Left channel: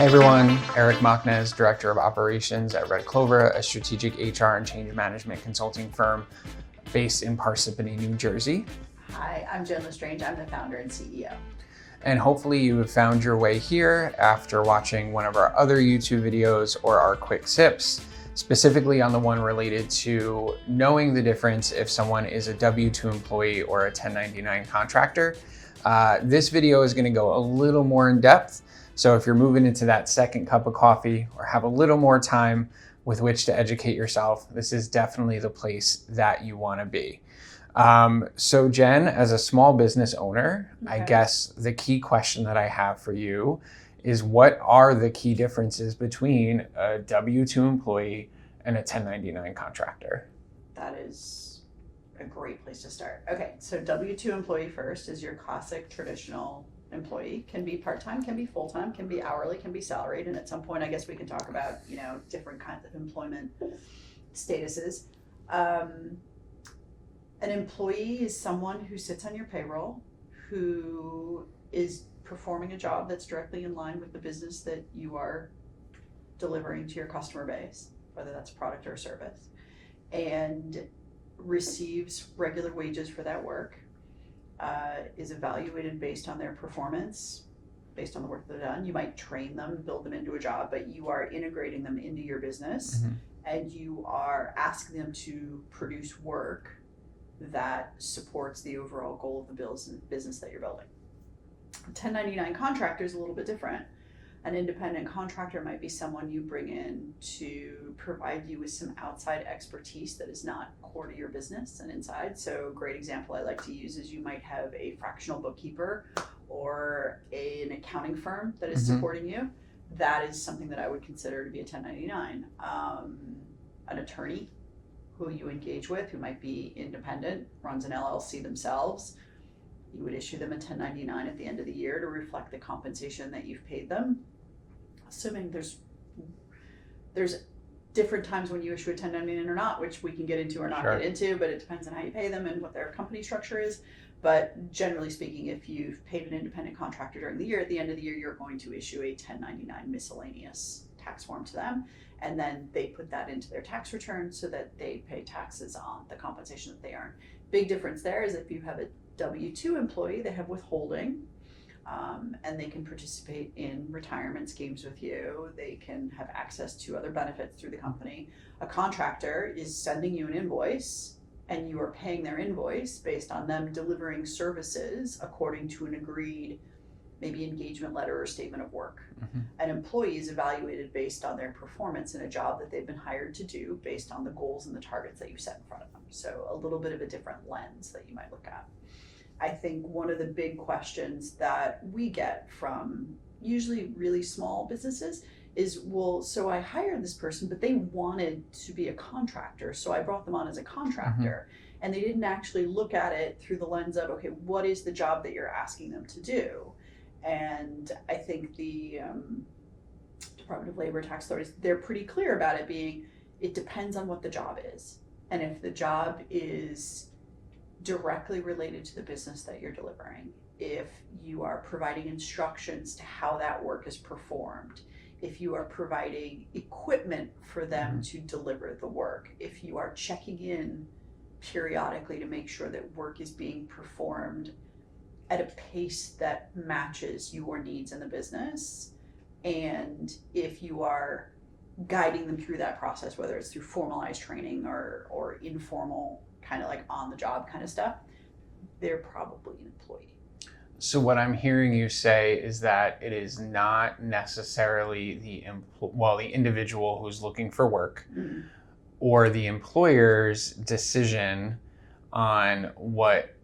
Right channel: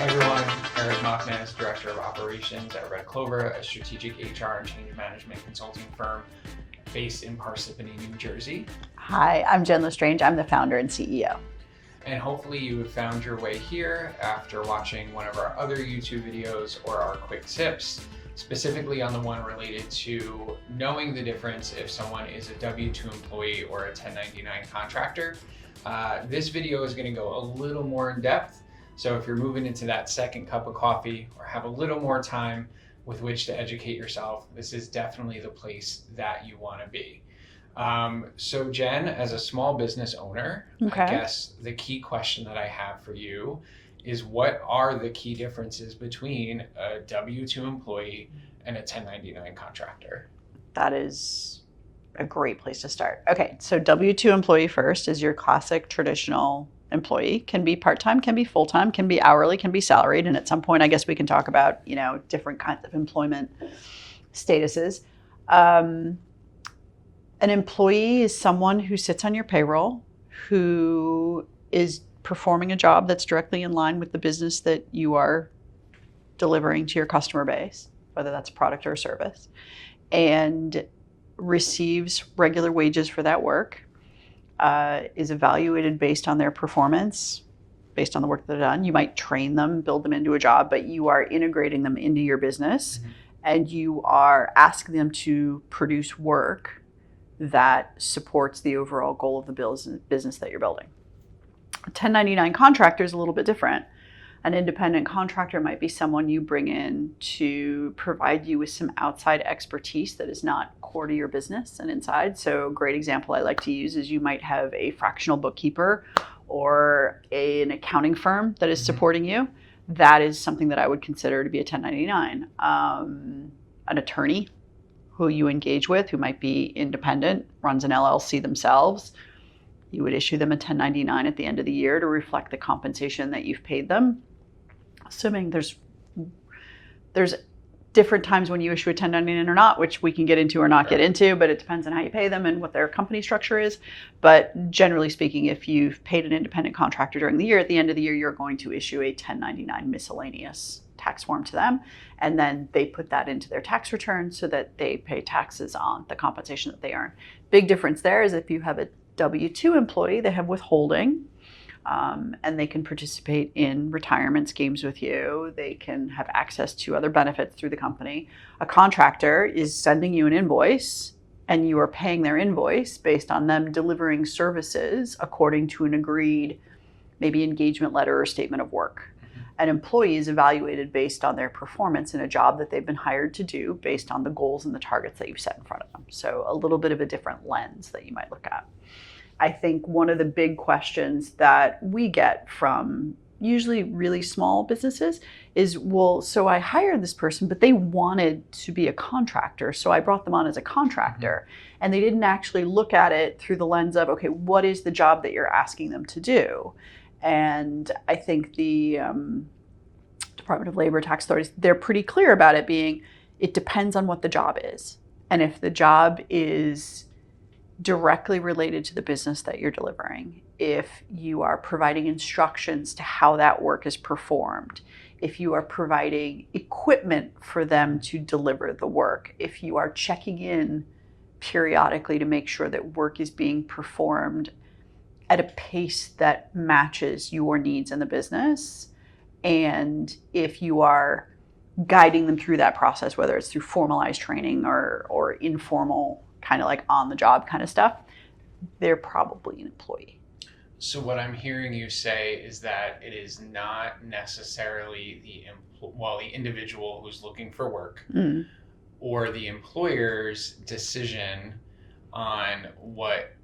Hey everyone, Eric Machnes, Director of Operations at Red Clover, a strategic HR and change management consulting firm based in Parsippany, New Jersey. Hi, I'm Jen Lestrange. I'm the founder and CEO. And hopefully you have found your way here after watching one of our other YouTube videos or our quick sips, specifically on the one related to knowing the difference if someone is a W-2 employee or a 1099 contractor. This video is going to go a little more in depth. So if you're moving into that second cup of coffee or have a little more time with which to educate yourself, this is definitely the place that you want to be. So Jen, as a small business owner, I guess the key question that I have for you is, what are the key differences between a W-2 employee and a 1099 contractor? That is a great place to start. Okay, so W-2 employee first is your classic traditional employee. Can be part-time, can be full-time, can be hourly, can be salaried. And at some point, I guess we can talk about, different kinds of employment statuses. An employee is someone who sits on your payroll, who is performing a job that's directly in line with the business that you are delivering to your customer base, whether that's a product or a service, and receives regular wages for that work, is evaluated based on their performance, based on the work that they've done. You might train them, build them into a job, but you are integrating them into your business, and you are asking them to produce work that supports the overall goal of the business that you're building. A 1099 contractor is a little bit different. An independent contractor might be someone you bring in to provide you with some outside expertise that is not core to your business and inside. So a great example I like to use is you might have a fractional bookkeeper or an accounting firm that is supporting you. That is something that I would consider to be a 1099. An attorney who you engage with, who might be independent, runs an LLC themselves, you would issue them a 1099 at the end of the year to reflect the compensation that you've paid them. Assuming there's different times when you issue a 1099 or not, which we can get into or not get into, but it depends on how you pay them and what their company structure is. But generally speaking, if you've paid an independent contractor during the year, at the end of the year, you're going to issue a 1099 miscellaneous tax form to them. And then they put that into their tax return so that they pay taxes on the compensation that they earn. Big difference there is if you have a W-2 employee, they have withholding, and they can participate in retirement schemes with you. They can have access to other benefits through the company. A contractor is sending you an invoice, and you are paying their invoice based on them delivering services according to an agreed maybe engagement letter or statement of work. An employee is evaluated based on their performance in a job that they've been hired to do based on the goals and the targets that you've set in front of them. So a little bit of a different lens that you might look at. I think one of the big questions that we get from usually really small businesses is, well, so I hired this person, but they wanted to be a contractor, so I brought them on as a contractor. And they didn't actually look at it through the lens of, okay, what is the job that you're asking them to do? And I think the Department of Labor, tax authorities, they're pretty clear about it being, it depends on what the job is. And if the job is directly related to the business that you're delivering, if you are providing instructions to how that work is performed, if you are providing equipment for them to deliver the work, if you are checking in periodically to make sure that work is being performed at a pace that matches your needs in the business, and if you are guiding them through that process, whether it's through formalized training or informal kind of like on the job kind of stuff, they're probably an employee. So what I'm hearing you say is that it is not necessarily the individual who's looking for work or the employer's decision on what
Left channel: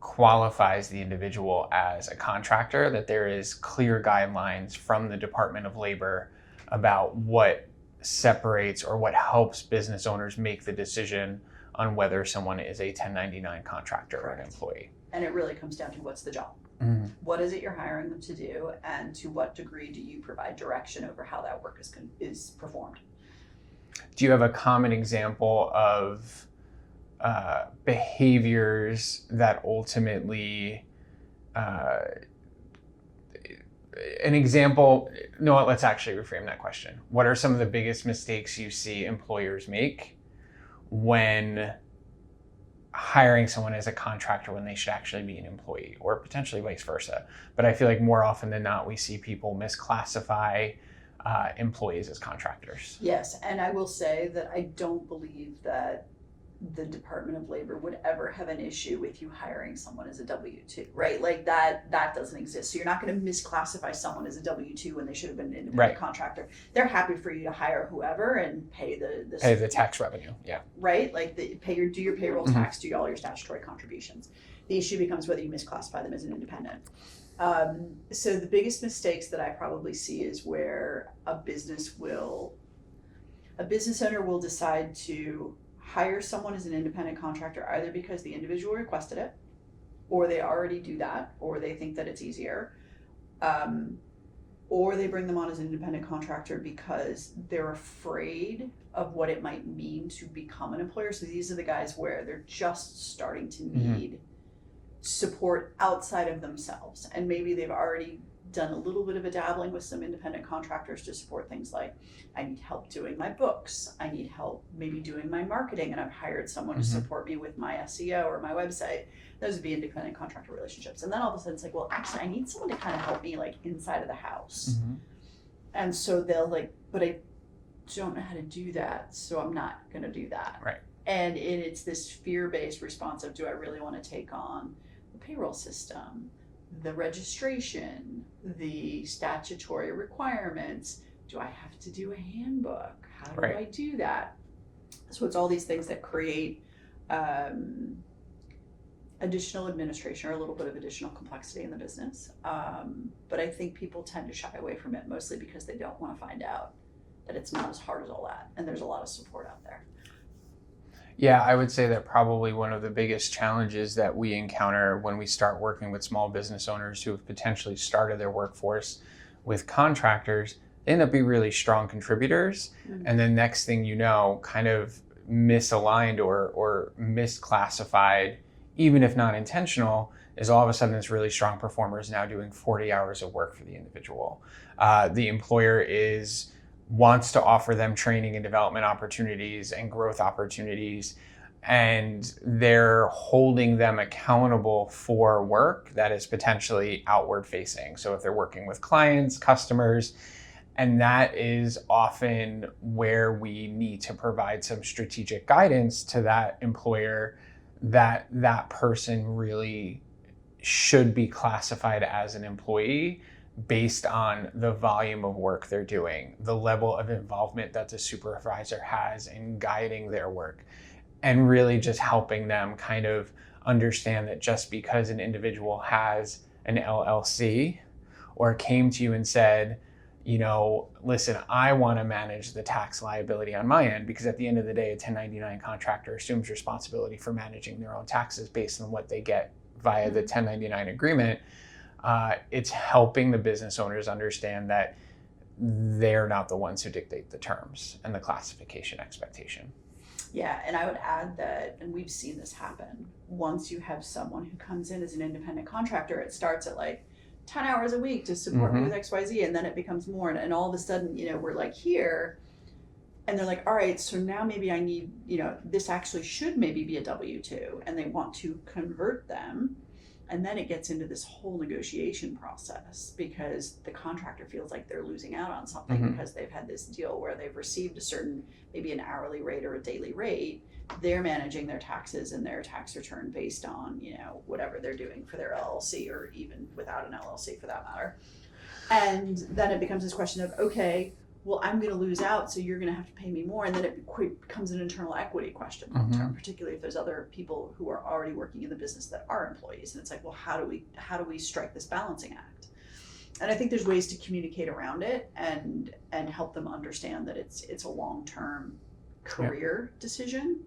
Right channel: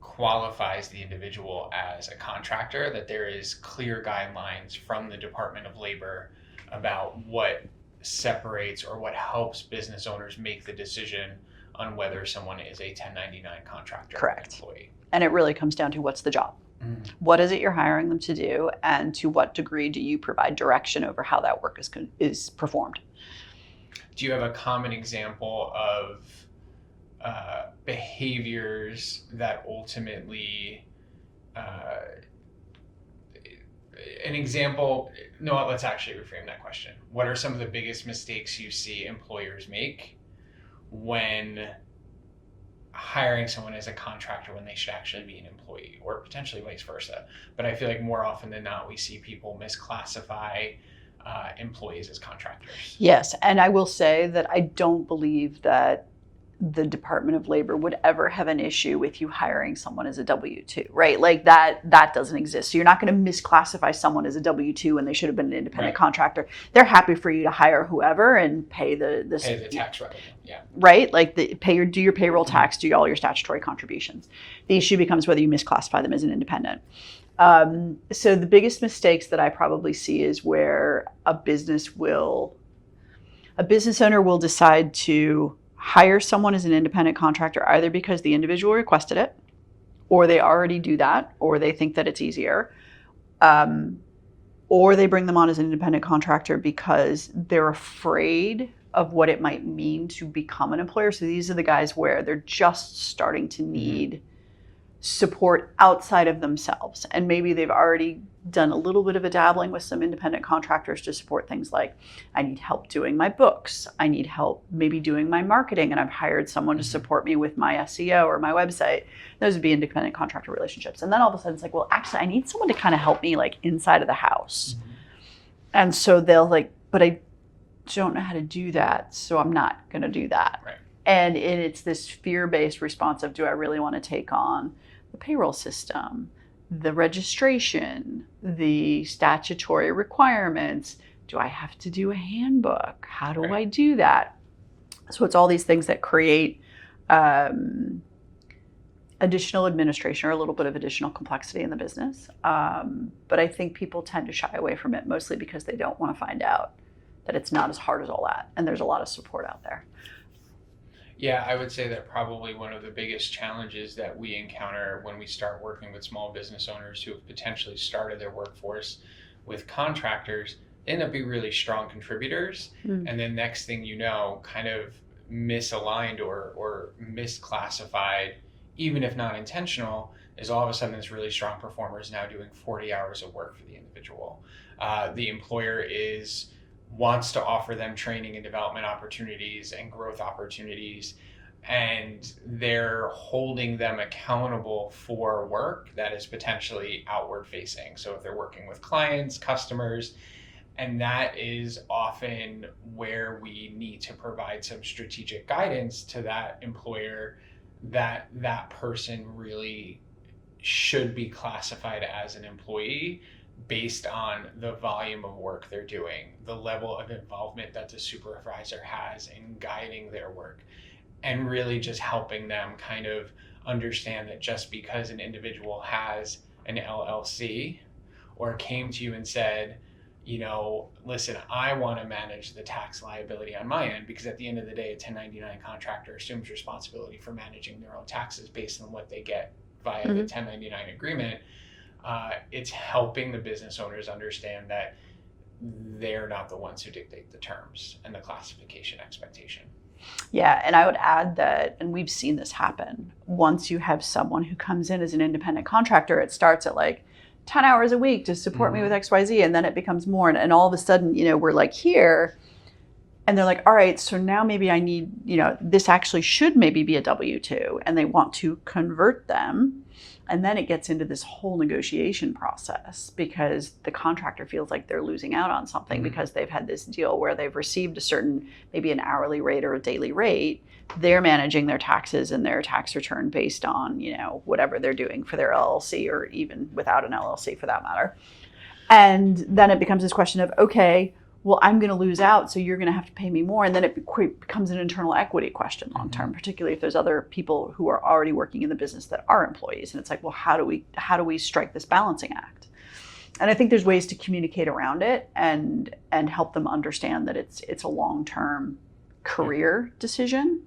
qualifies the individual as a contractor, that there is clear guidelines from the Department of Labor about what separates or what helps business owners make the decision on whether someone is a 1099 contractor or an employee. And it really comes down to, what's the job? What is it you're hiring them to do, and to what degree do you provide direction over how that work is performed? Do you have a common example of behaviors that ultimately an example, no, let's actually reframe that question. What are some of the biggest mistakes you see employers make when hiring someone as a contractor when they should actually be an employee, or potentially vice versa? But I feel like more often than not, we see people misclassify employees as contractors. Yes, and I will say that I don't believe that the Department of Labor would ever have an issue with you hiring someone as a W-2, right? Like that doesn't exist. So you're not going to misclassify someone as a W-2 when they should have been an independent contractor. They're happy for you to hire whoever and pay the tax revenue. Yeah. Right? Like do your payroll tax, do all your statutory contributions. The issue becomes whether you misclassify them as an independent. So the biggest mistakes that I probably see is where a business owner will decide to hire someone as an independent contractor either because the individual requested it, or they already do that, or they think that it's easier, or they bring them on as an independent contractor because they're afraid of what it might mean to become an employer. So these are the guys where they're just starting to need support outside of themselves, and maybe they've already done a little bit of a dabbling with some independent contractors to support things like, I need help doing my books, I need help maybe doing my marketing, and I've hired someone to support me with my SEO or my website. Those would be independent contractor relationships. And then all of a sudden it's like, well, actually I need someone to kind of help me like inside of the house. And so they'll like, but I don't know how to do that, so I'm not going to do that. Right. And it's this fear-based response of, do I really want to take on the payroll system, the registration, the statutory requirements? Do I have to do a handbook? How do I do that? So it's all these things that create additional administration or a little bit of additional complexity in the business. But I think people tend to shy away from it mostly because they don't want to find out that it's not as hard as all that. And there's a lot of support out there. Yeah, I would say that probably one of the biggest challenges that we encounter when we start working with small business owners who have potentially started their workforce with contractors, they end up being really strong contributors. And then next thing you know, kind of misaligned or misclassified, even if not intentional, is all of a sudden this really strong performer is now doing 40 hours of work for the individual. The employer wants to offer them training and development opportunities and growth opportunities, and they're holding them accountable for work that is potentially outward facing. So if they're working with clients, customers, and that is often where we need to provide some strategic guidance to that employer that that person really should be classified as an employee based on the volume of work they're doing, the level of involvement that the supervisor has in guiding their work, and really just helping them kind of understand that just because an individual has an LLC or came to you and said, you know, listen, I want to manage the tax liability on my end, because at the end of the day, a 1099 contractor assumes responsibility for managing their own taxes based on what they get via the 1099 agreement. It's helping the business owners understand that they're not the ones who dictate the terms and the classification expectation. Yeah, and I would add that, and we've seen this happen, once you have someone who comes in as an independent contractor, it starts at like 10 hours a week to support me with XYZ, and then it becomes more, and all of a sudden, you know, we're like here, and they're like, all right, so now maybe I need, you know, this actually should maybe be a W-2, and they want to convert them. And then it gets into this whole negotiation process because the contractor feels like they're losing out on something because they've had this deal where they've received a certain, maybe an hourly rate or a daily rate. They're managing their taxes and their tax return based on, you know, whatever they're doing for their LLC, or even without an LLC for that matter. And then it becomes this question of, okay, well, I'm going to lose out, so you're going to have to pay me more. And then it becomes an internal equity question long term, particularly if there's other people who are already working in the business that are employees. And it's like, well, how do we strike this balancing act? And I think there's ways to communicate around it and help them understand that it's a long-term career decision,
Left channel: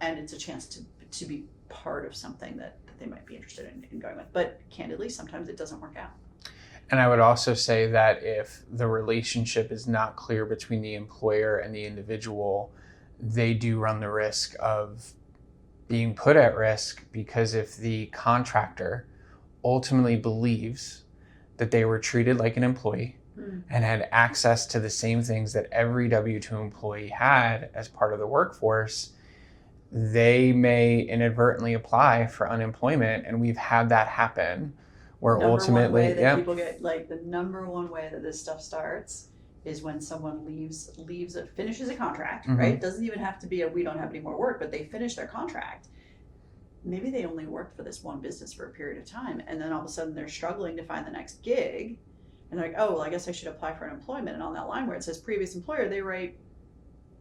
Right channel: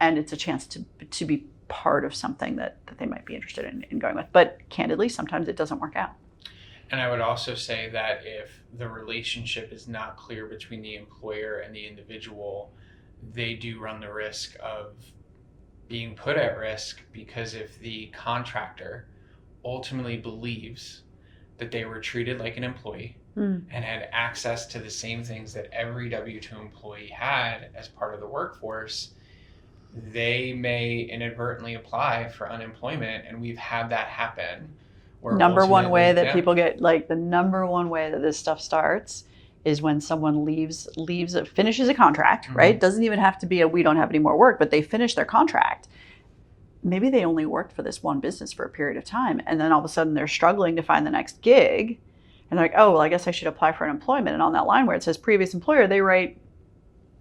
and it's a chance to be part of something that they might be interested in going with. But candidly, sometimes it doesn't work out. And I would also say that if the relationship is not clear between the employer and the individual, they do run the risk of being put at risk, because if the contractor ultimately believes that they were treated like an employee and had access to the same things that every W-2 employee had as part of the workforce, they may inadvertently apply for unemployment. And we've had that happen. Where number one way that people get, like, the number one way that this stuff starts is when someone finishes a contract, right? Doesn't even have to be we don't have any more work, but they finish their contract. Maybe they only worked for this one business for a period of time, and then all of a sudden they're struggling to find the next gig, and they're like, oh, well, I guess I should apply for unemployment. And on that line where it says previous employer, they write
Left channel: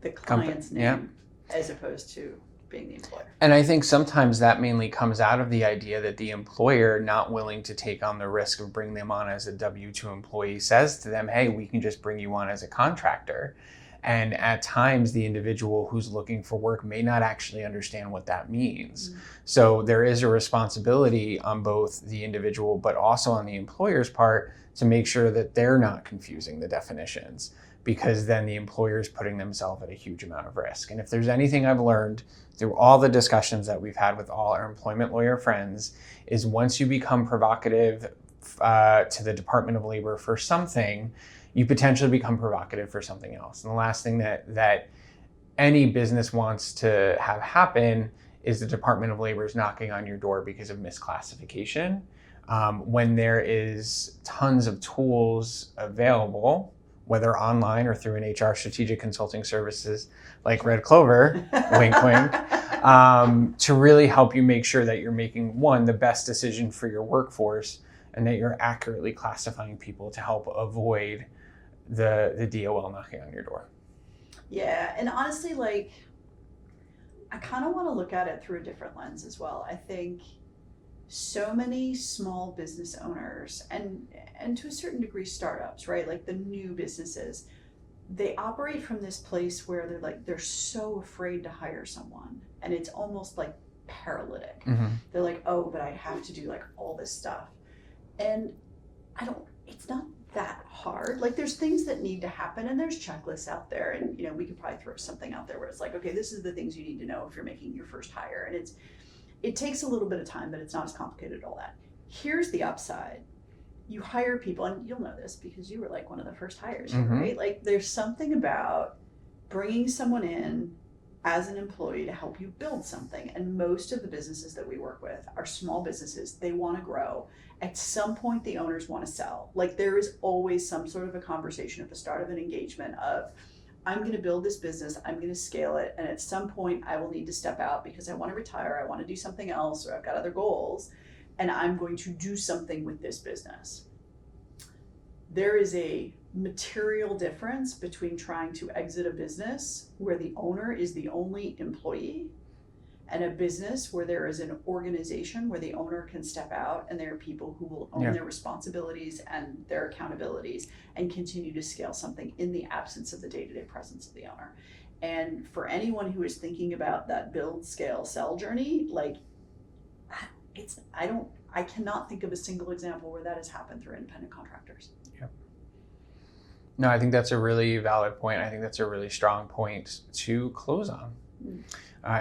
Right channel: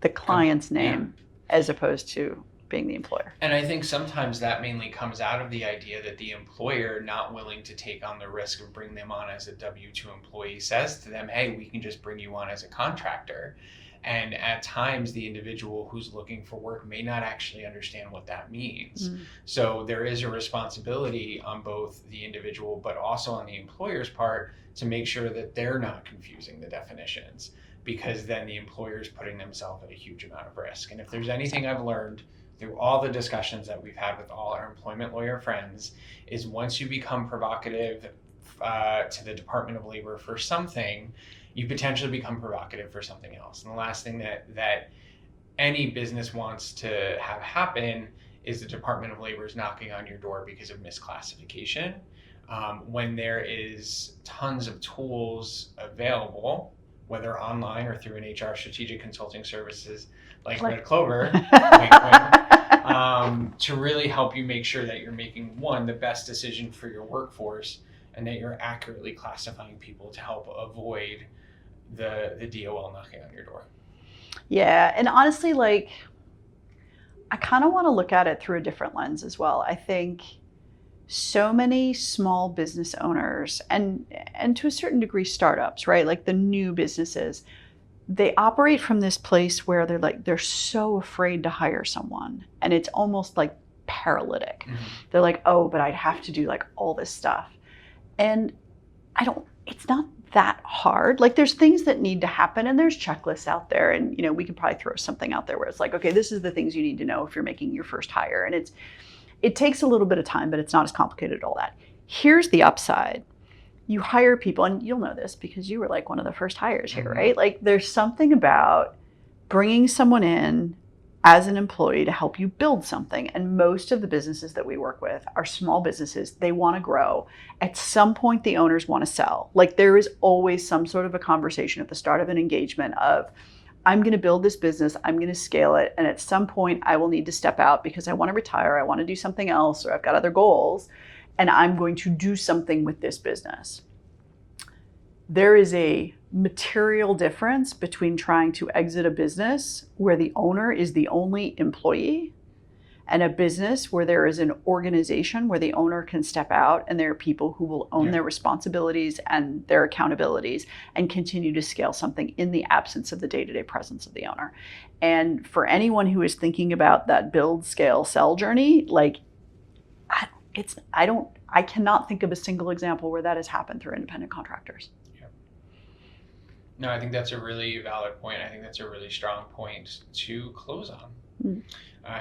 the client's name as opposed to being the employer. And I think sometimes that mainly comes out of the idea that the employer, not willing to take on the risk of bringing them on as a W-2 employee, says to them, hey, we can just bring you on as a contractor. And at times, the individual who's looking for work may not actually understand what that means. So there is a responsibility on both the individual, but also on the employer's part to make sure that they're not confusing the definitions, because then the employer is putting themselves at a huge amount of risk. And if there's anything I've learned through all the discussions that we've had with all our employment lawyer friends, is once you become provocative to the Department of Labor for something, you potentially become provocative for something else. And the last thing that any business wants to have happen is the Department of Labor is knocking on your door because of misclassification. When there is tons of tools available, whether online or through an HR strategic consulting services like Red Clover, wink, wink, to really help you make sure that you're making, one, the best decision for your workforce, and that you're accurately classifying people to help avoid the DOL knocking on your door. Yeah, and honestly, like, I kind of want to look at it through a different lens as well. I think so many small business owners and to a certain degree startups, right? Like the new businesses, they operate from this place where they're so afraid to hire someone, and it's almost like paralytic. They're like, oh, but I'd have to do like all this stuff. And it's not that hard. Like, there's things that need to happen, and there's checklists out there, and we could probably throw something out there where it's like, okay, this is the things you need to know if you're making your first hire. And it takes a little bit of time, but it's not as complicated as all that. Here's the upside. You hire people, and you'll know this because you were like one of the first hires here, right? Like, there's something about bringing someone in as an employee to help you build something. And most of the businesses that we work with are small businesses. They want to grow. At some point, the owners want to sell. Like, there is always some sort of a conversation at the start of an engagement of, I'm going to build this business, I'm going to scale it, and at some point I will need to step out because I want to retire, I want to do something else, or I've got other goals, and I'm going to do something with this business. There is a material difference between trying to exit a business where the owner is the only employee and a business where there is an organization where the owner can step out and there are people who will own their responsibilities and their accountabilities and continue to scale something in the absence of the day-to-day presence of the owner. And for anyone who is thinking about that build, scale, sell journey, like, I cannot think of a single example where that has happened through independent contractors. No, I think that's a really valid point. I think that's a really strong point to close on.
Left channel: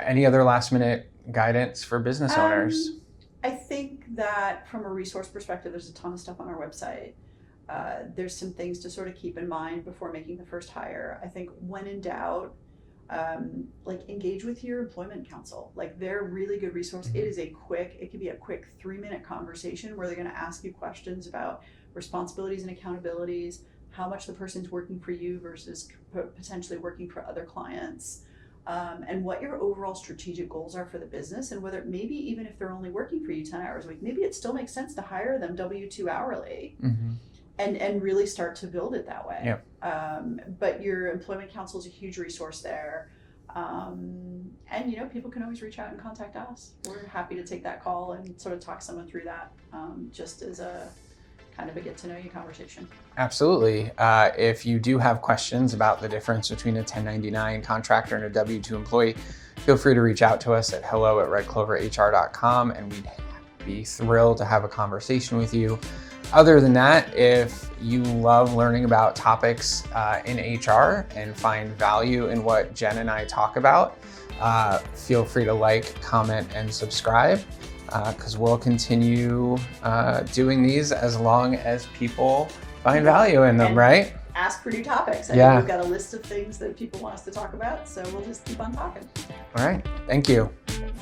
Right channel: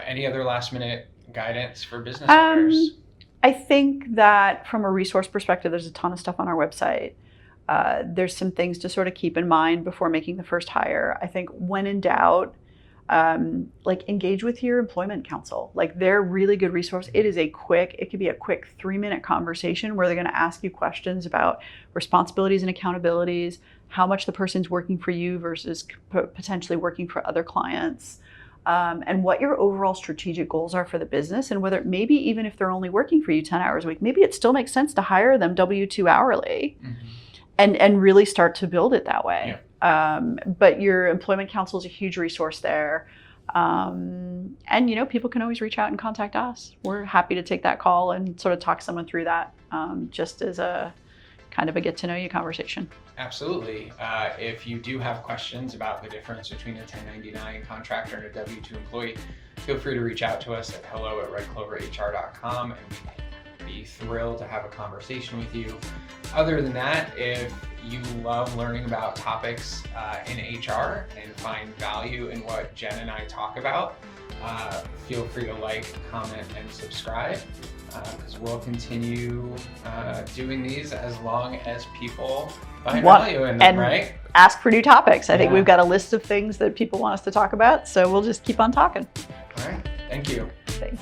Any other last minute guidance for business owners? I think that from a resource perspective, there's a ton of stuff on our website. There's some things to sort of keep in mind before making the first hire. I think when in doubt, like, engage with your employment counsel. Like, they're a really good resource. It could be a quick 3-minute conversation where they're going to ask you questions about responsibilities and accountabilities, how much the person's working for you versus potentially working for other clients, and what your overall strategic goals are for the business, and whether maybe even if they're only working for you 10 hours a week, maybe it still makes sense to hire them W-2 hourly and really start to build it that way. But your employment counsel is a huge resource there. And, people can always reach out and contact us. We're happy to take that call and sort of talk someone through that, just as a kind of a get to know you conversation. Absolutely. If you do have questions about the difference between a 1099 contractor and a W-2 employee, feel free to reach out to us at hello@redcloverhr.com, and we'd be thrilled to have a conversation with you. Other than that, if you love learning about topics in HR and find value in what Jen and I talk about, feel free to like, comment, and subscribe. because we'll continue doing these as long as people find Well, value in them, and right? Ask for new topics. I think Yeah. we've got a list of things that people want us to talk about, so we'll just keep on talking. All right, thank you. Thanks.